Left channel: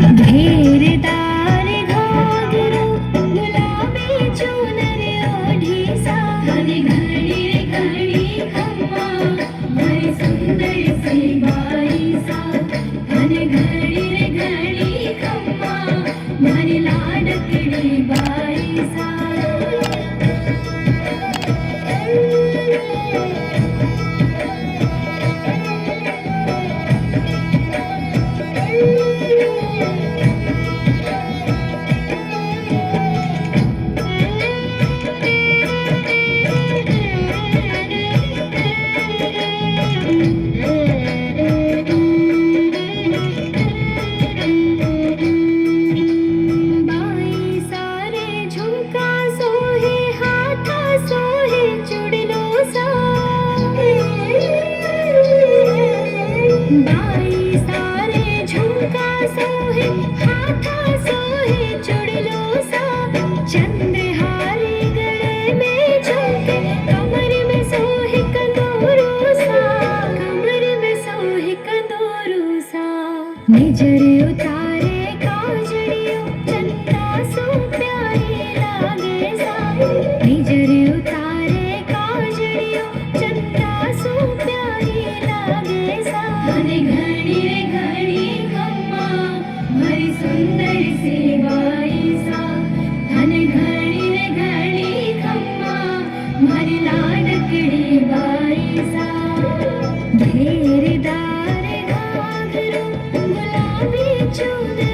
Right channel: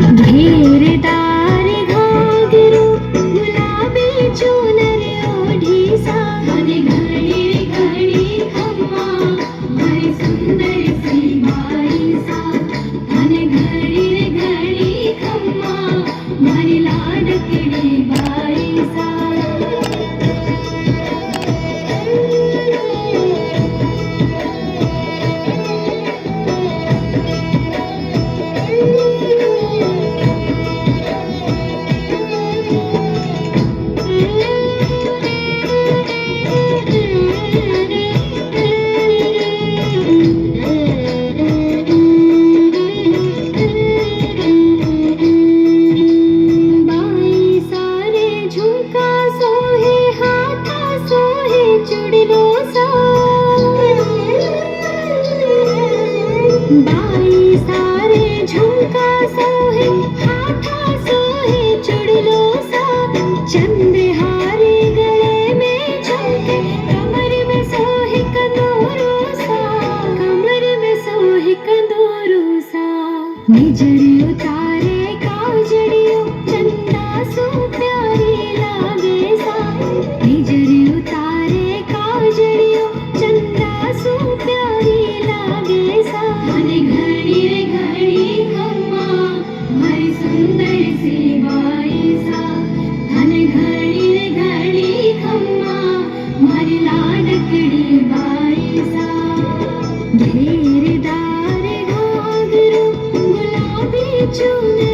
घेरदार घागरो गुलाबी चुनर ओढी सा घडी घडी घडी खम्मा भरी सुंदर सी बाई सा घडी घडी खम्मा भरी लाडकडी बाई सा बाई सारे झुमका सोहे हाथा सोहे चुड़लो सा चंद्रहारे गले में झुमके कमर में सोहे कंदूरू सा कमर में सोहे कंदूरू सा निजर उतारे काजड़ियो चंदा सो प्यारी लागे सा निजर उतारे काजड़ियो चंदा सो प्यारी लागे सा घड़ी रे घड़ी खम्मा भरी सुंदर सी बाई सा घड़ी रे घड़ी खम्मा भरी लाडकड़ी बाई सा घेरदार घाघरो गुलाबी चुनर